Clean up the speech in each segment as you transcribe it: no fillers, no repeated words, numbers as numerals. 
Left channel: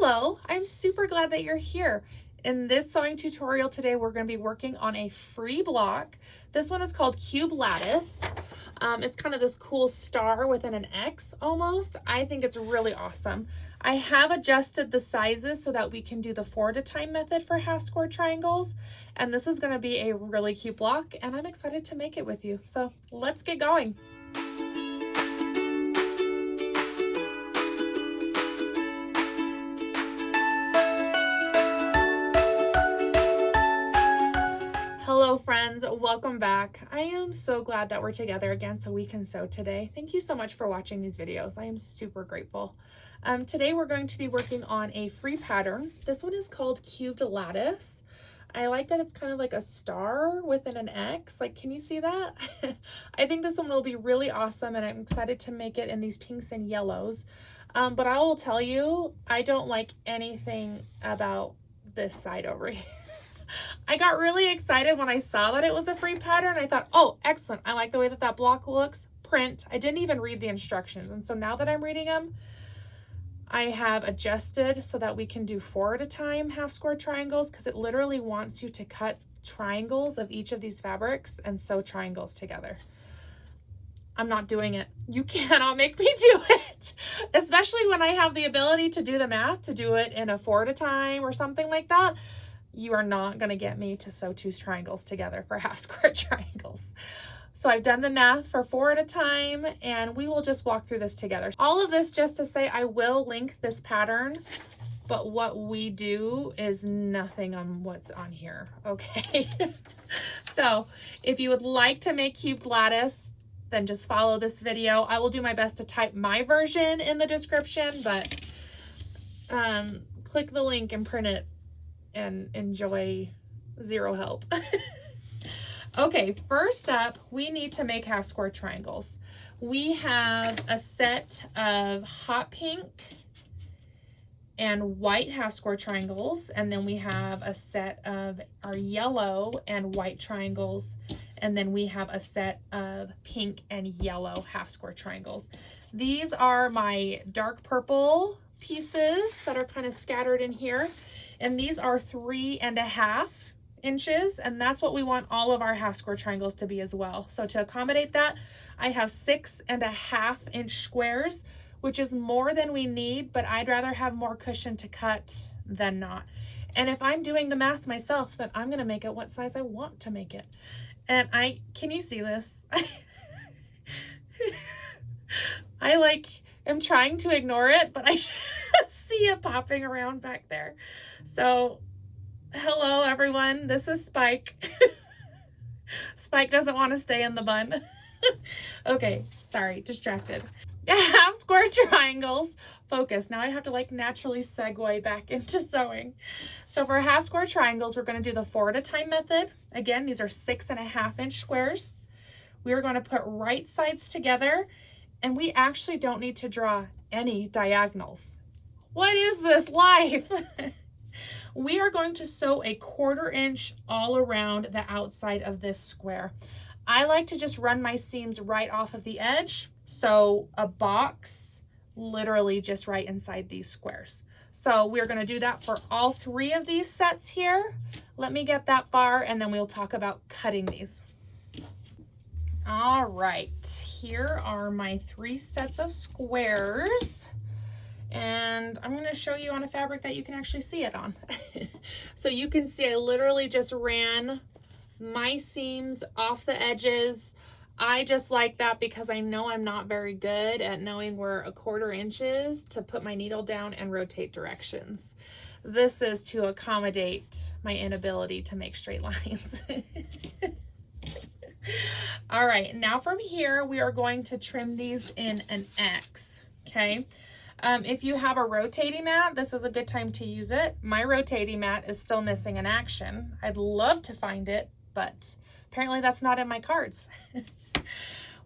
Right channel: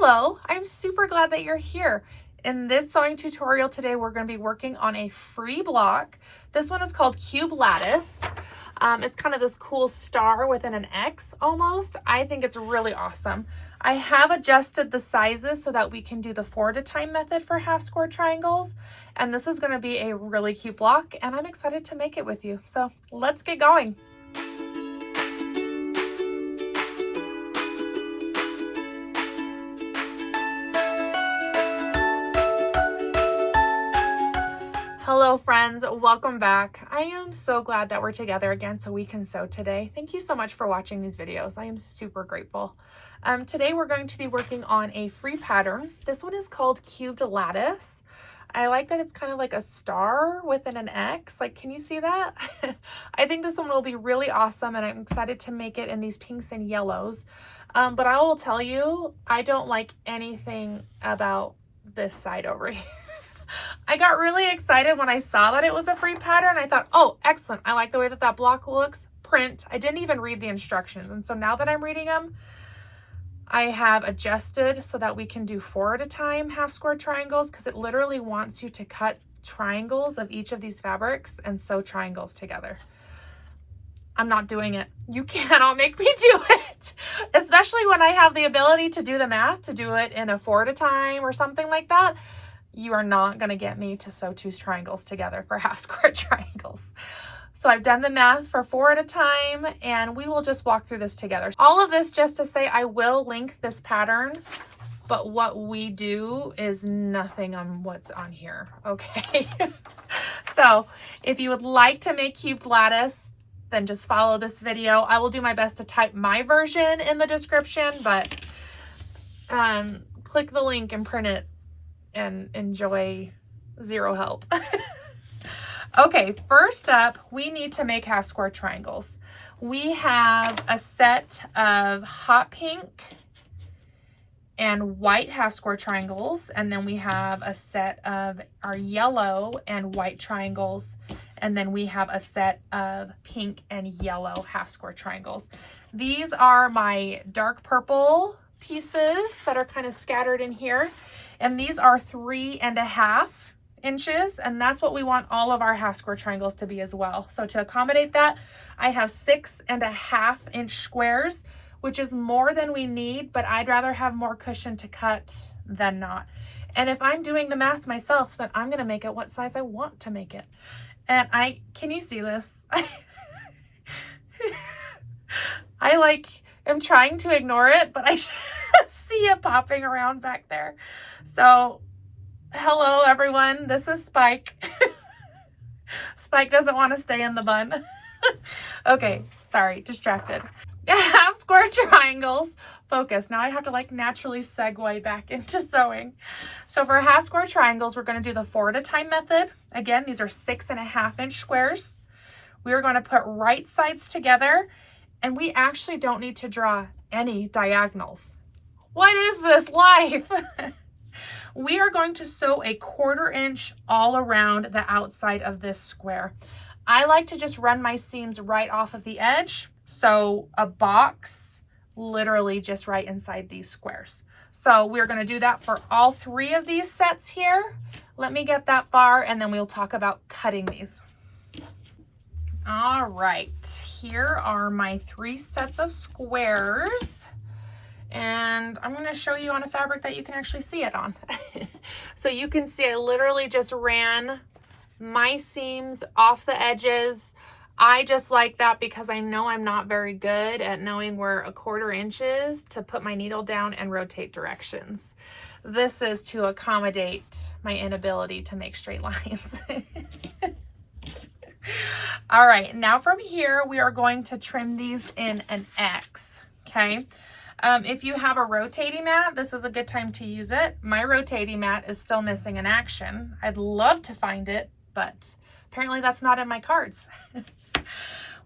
Hello, I'm super glad that you're here. In this sewing tutorial today, we're going to be working on a free block. This one is called Cubed Lattice. It's kind of this cool star within an X almost. I think it's really awesome. I have adjusted the sizes so that we can do the 4 at a time method for half square triangles. And this is going to be a really cute block and I'm excited to make it with you. So let's get going. Hello friends, welcome back. I am so glad that we're together again so we can sew today. Thank you so much for watching these videos. I am super grateful. Today we're going to be working on a free pattern. This one is called Cubed Lattice. I like that it's kind of like a star within an X. Like, can you see that? I think this one will be really awesome and I'm excited to make it in these pinks and yellows. But I will tell you, I don't like anything about this side over here. I got really excited when I saw that it was a free pattern. I thought, oh, excellent. I like the way that that block looks. Print. I didn't even read the instructions. And so now that I'm reading them, I have adjusted so that we can do 4 at a time half square triangles because it literally wants you to cut triangles of each of these fabrics and sew triangles together. I'm not doing it. You cannot make me do it, especially when I have the ability to do the math, to do it in a 4 at a time or something like that. You are not going to get me to sew 2 triangles together for half square triangles. So I've done the math for 4 at a time and we will just walk through this together. All of this just to say I will link this pattern, but what we do is nothing on what's on here, okay? So if you would like to make cubed lattice, then just follow this video. I will do my best to type my version in the description, but click the link and print it and enjoy zero help. Okay, first up, we need to make half square triangles. We have a set of hot pink and white half square triangles, and then we have a set of our yellow and white triangles, and then we have a set of pink and yellow half square triangles. These are my dark purple pieces that are kind of scattered in here. And these are 3.5 inches, and that's what we want all of our half square triangles to be as well. So to accommodate that, I have 6.5 inch squares, which is more than we need, but I'd rather have more cushion to cut than not. And if I'm doing the math myself, then I'm gonna make it what size I want to make it. And can you see this? I am trying to ignore it, but I see it popping around back there. So hello everyone, this is Spike. Spike doesn't want to stay in the bun. Okay, sorry, distracted. Half square triangles, focus. Now I have to naturally segue back into sewing. So for half square triangles, we're going to do the 4 at a time method. Again, these are 6.5 inch squares. We are going to put right sides together, and we actually don't need to draw any diagonals. What is this life? We are going to sew a 1/4 inch all around the outside of this square. I like to just run my seams right off of the edge. So a box literally just right inside these squares. So we're going to do that for all 3 of these sets here. Let me get that far and then we'll talk about cutting these. All right, here are my 3 sets of squares. And I'm going to show you on a fabric that you can actually see it on. So you can see I literally just ran my seams off the edges. I just like that because I know I'm not very good at knowing where 1/4 inch is to put my needle down and rotate directions. This is to accommodate my inability to make straight lines. All right, now from here, we are going to trim these in an X, okay? If you have a rotating mat, this is a good time to use it. My rotating mat is still missing in action. I'd love to find it, but apparently that's not in my cards.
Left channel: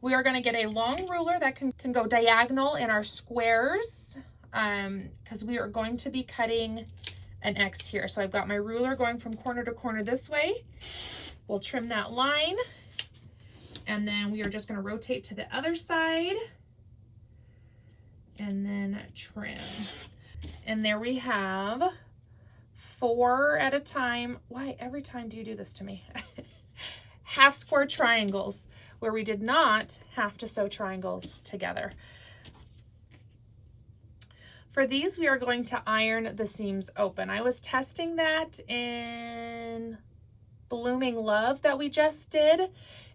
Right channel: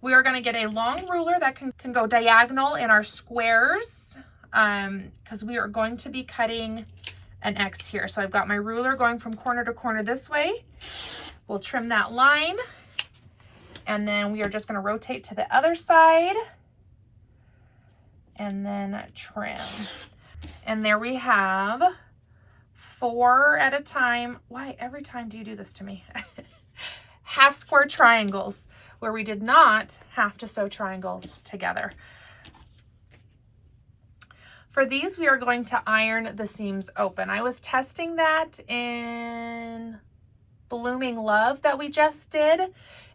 We are going to get a long ruler that can go diagonal in our squares because we are going to be cutting an X here. So I've got my ruler going from corner to corner this way. We'll trim that line, and then we are just going to rotate to the other side and then trim. And there we have 4 at a time. Why, every time do you do this to me? Half square triangles where we did not have to sew triangles together. For these, we are going to iron the seams open. I was testing that in Blooming Love that we just did,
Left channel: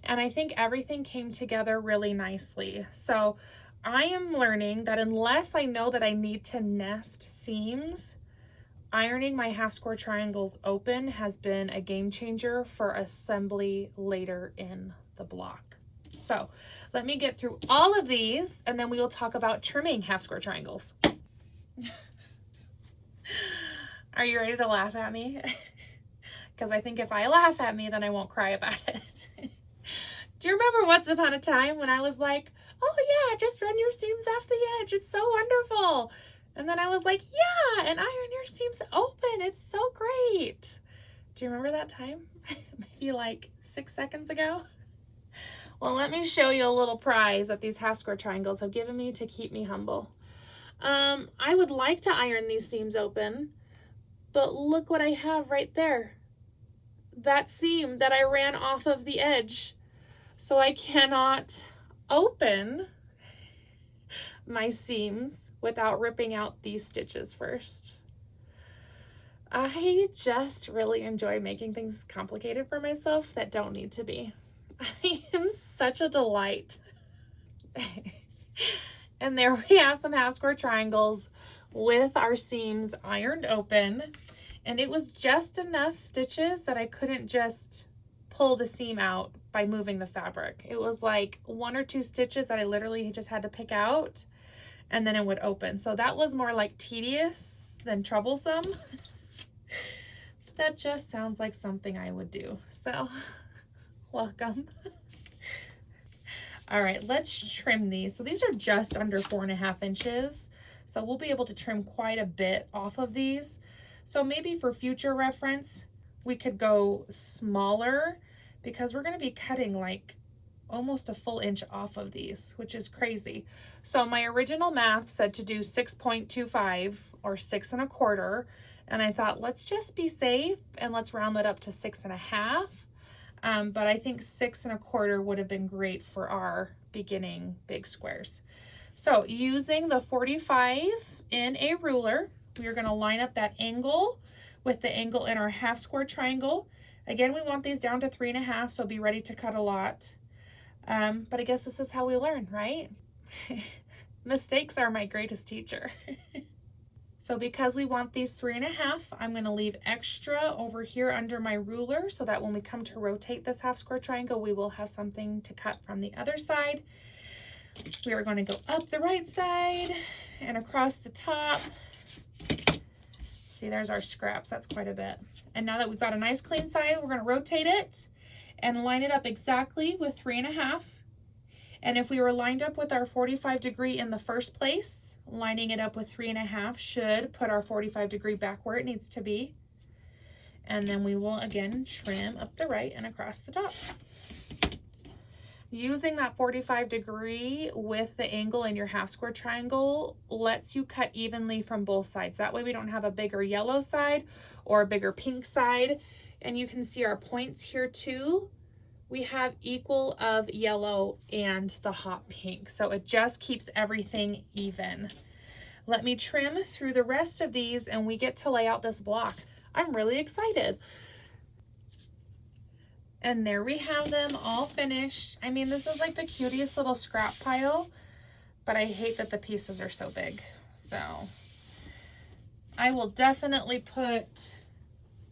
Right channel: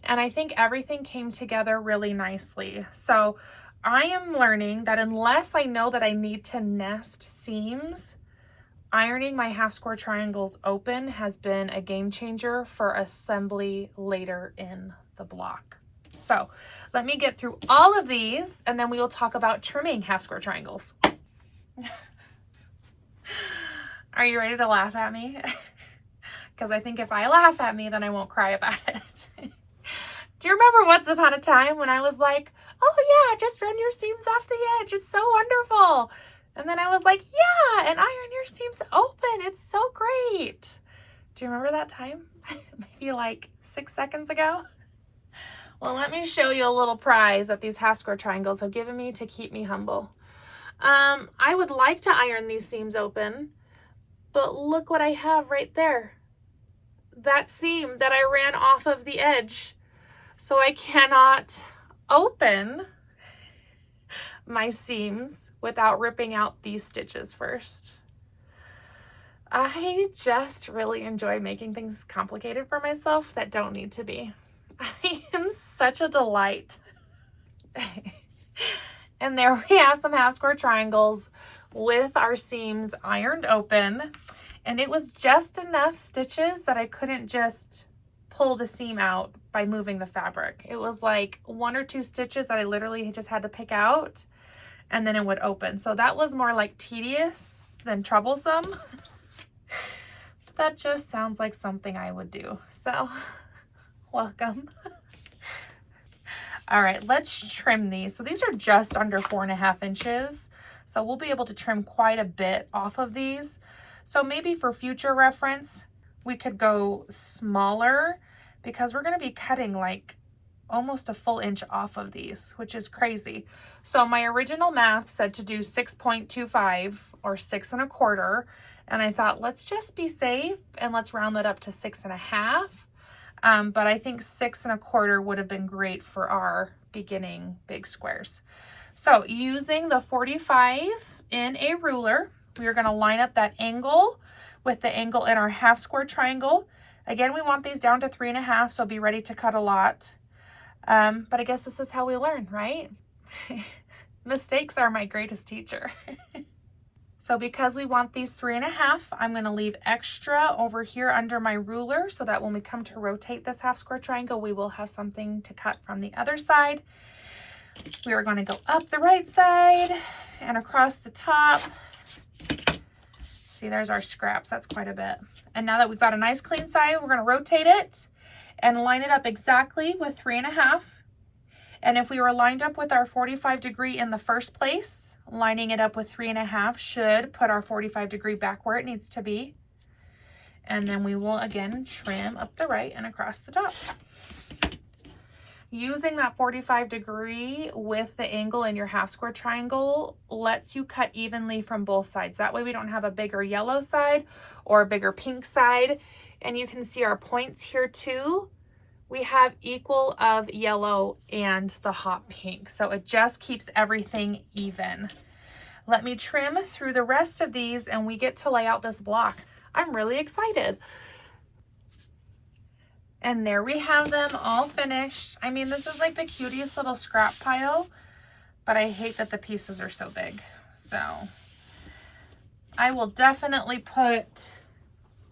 and I think everything came together really nicely. So I am learning that unless I know that I need to nest seams, ironing my half square triangles open has been a game changer for assembly later in the block. So let me get through all of these and then we will talk about trimming half square triangles. Are you ready to laugh at me? Because I think if I laugh at me, then I won't cry about it. Do you remember once upon a time when I was like, oh yeah, just run your seams off the edge. It's so wonderful. And then I was like, yeah, and iron your seams open. It's so great. Do you remember that time? Maybe like 6 seconds ago? Well, let me show you a little prize that these half square triangles have given me to keep me humble. I would like to iron these seams open, but look what I have right there. That seam that I ran off of the edge. So I cannot open my seams without ripping out these stitches first. I just really enjoy making things complicated for myself that don't need to be. I am such a delight. And there we have some half square triangles with our seams ironed open. And it was just enough stitches that I couldn't just pull the seam out by moving the fabric. It was like 1 or 2 stitches that I literally just had to pick out and then it would open. So that was more like tedious than troublesome. That just sounds like something I would do. So welcome. All right, let's trim these. So these are just under 4.5 inches. So we'll be able to trim quite a bit off of these. So maybe for future reference, we could go smaller because we're gonna be cutting like almost a full inch off of these, which is crazy. So my original math said to do 6.25 or 6 1/4. And I thought, let's just be safe and let's round that up to 6 1/2. But I think 6 1/4 would have been great for our beginning big squares. So using the 45 in a ruler, we are going to line up that angle with the angle in our half square triangle. Again, we want these down to 3 1/2, so be ready to cut a lot. But I guess this is how we learn, right? Mistakes are my greatest teacher. So because we want these 3 1/2, I'm going to leave extra over here under my ruler so that when we come to rotate this half square triangle, we will have something to cut from the other side. We are going to go up the right side and across the top. See, there's our scraps. That's quite a bit. And now that we've got a nice clean side, we're going to rotate it and line it up exactly with 3 1/2. And if we were lined up with our 45 degree in the first place, lining it up with 3 1/2 should put our 45 degree back where it needs to be. And then we will again trim up the right and across the top. Using that 45 degree with the angle in your half square triangle lets you cut evenly from both sides. That way we don't have a bigger yellow side or a bigger pink side. And you can see our points here too. We have equal of yellow and the hot pink. So it just keeps everything even. Let me trim through the rest of these and we get to lay out this block. I'm really excited. And there we have them all finished. I mean, this is like the cutest little scrap pile, but I hate that the pieces are so big. So I will definitely put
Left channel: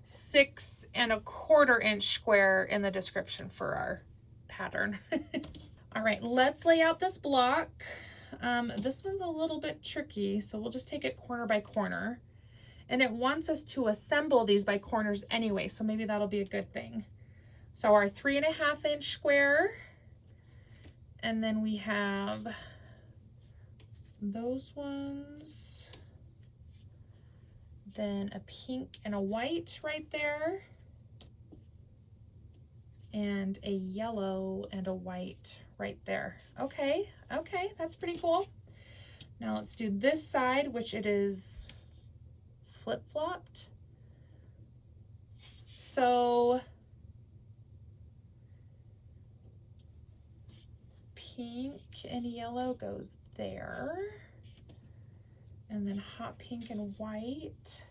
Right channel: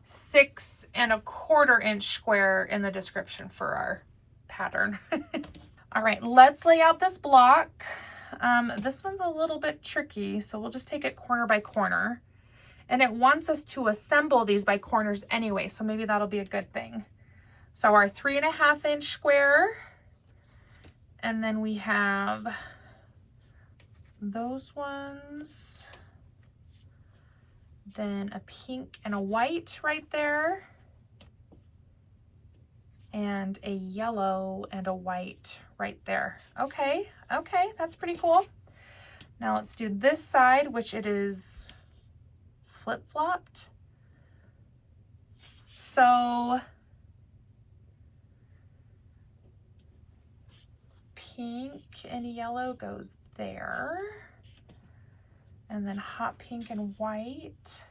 6 1/4 inch square in the description for our pattern. All right, let's lay out this block. This one's a little bit tricky, so we'll just take it corner by corner. And it wants us to assemble these by corners anyway, so maybe that'll be a good thing. So our 3 1/2 inch square, and then we have those ones, then a pink and a white right there, and a yellow and a white right there. Okay, that's pretty cool. Now let's do this side, which it is flip-flopped. So pink and yellow goes there. And then hot pink and white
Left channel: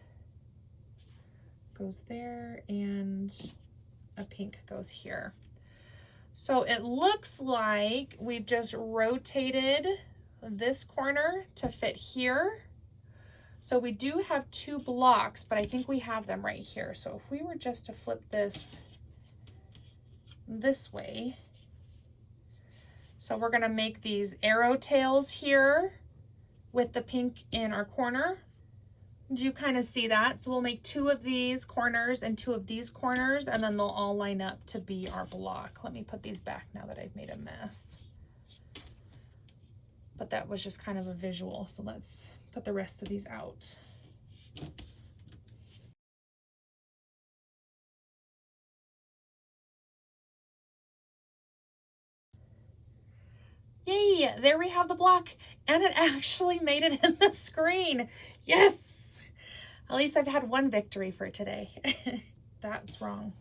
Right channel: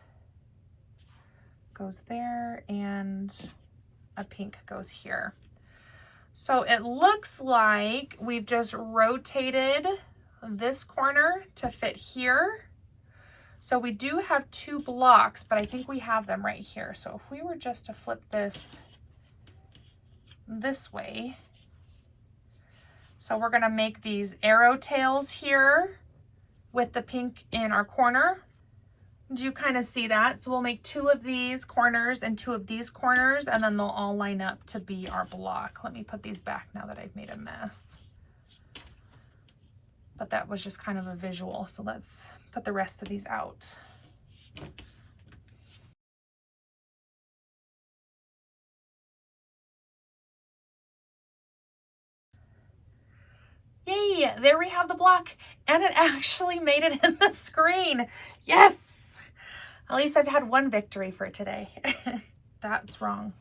goes there, and a pink goes here. So it looks like we've just rotated this corner to fit here. So we do have 2 blocks, but I think we have them right here. So if we were just to flip this way, so we're gonna make these arrow tails here with the pink in our corner. Do you kind of see that? So we'll make 2 of these corners and 2 of these corners, and then they'll all line up to be our block. Let me put these back now that I've made a mess. But that was just kind of a visual. So let's put the rest of these out. Yay, there we have the block, and it actually made it in the screen. Yes, at least I've had one victory for today. That's wrong.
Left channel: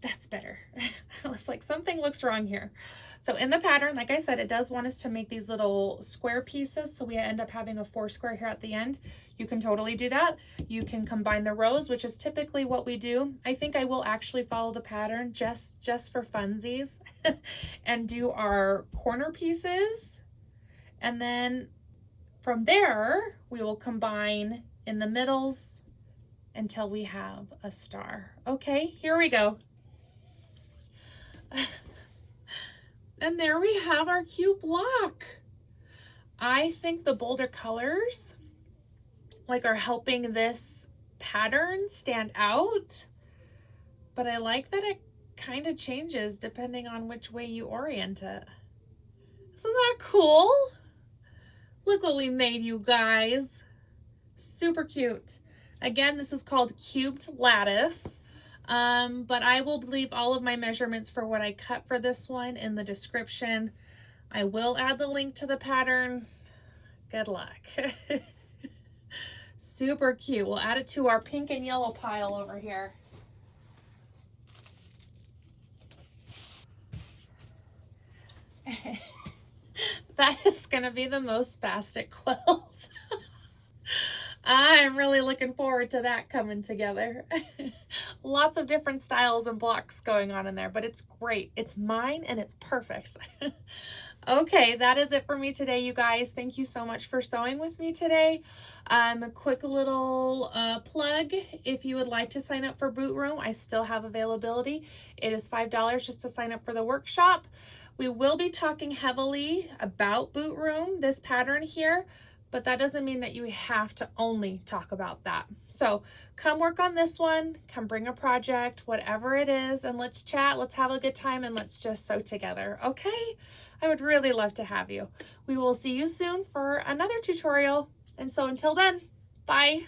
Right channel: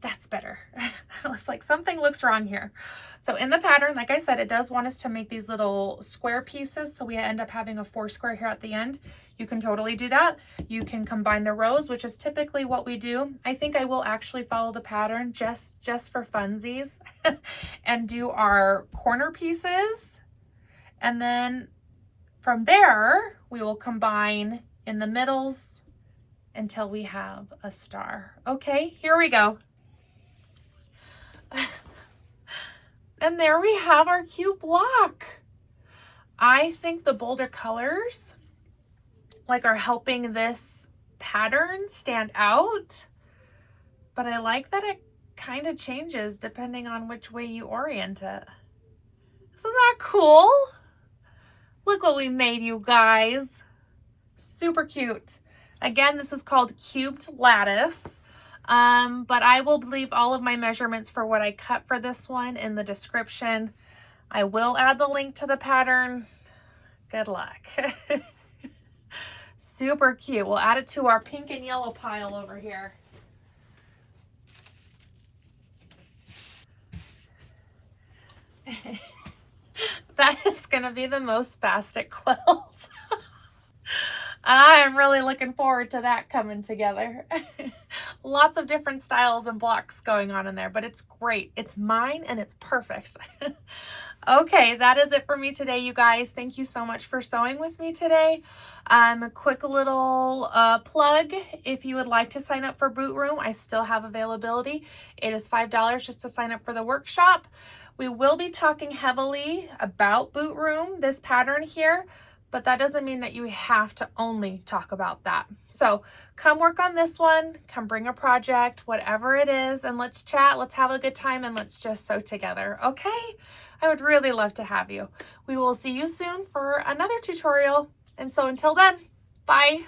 That's better. I was like, something looks wrong here. So in the pattern, like I said, it does want us to make these little square pieces. So we end up having a 4 square here at the end. You can totally do that. You can combine the rows, which is typically what we do. I think I will actually follow the pattern just for funsies and do our corner pieces. And then from there, we will combine in the middles until we have a star. Okay, here we go. And there we have our cute block. I think the bolder colors are helping this pattern stand out, but I like that it kind of changes depending on which way you orient it. Isn't that cool? Look what we made, you guys. Super cute. Again, this is called Cubed Lattice. But I will leave all of my measurements for what I cut for this one in the description. I will add the link to the pattern. Good luck. Super cute. We'll add it to our pink and yellow pile over here. That is gonna be the most spastic quilt. I'm really looking forward to that coming together. Lots of different styles and blocks going on in there, but it's great. It's mine and it's perfect. Okay, that is it for me today, you guys. Thank you so much for sewing with me today. A quick little plug. If you would like to sign up for Boot Room, I still have availability. It is $5 just to sign up for the workshop. We will be talking heavily about Boot Room, this pattern here, but that doesn't mean that you have to only talk about that. So come work on this one, come bring a project, whatever it is, and let's chat, let's have a good time, and let's just sew together, okay? I would really love to have you. We will see you soon for another tutorial. And so until then, bye.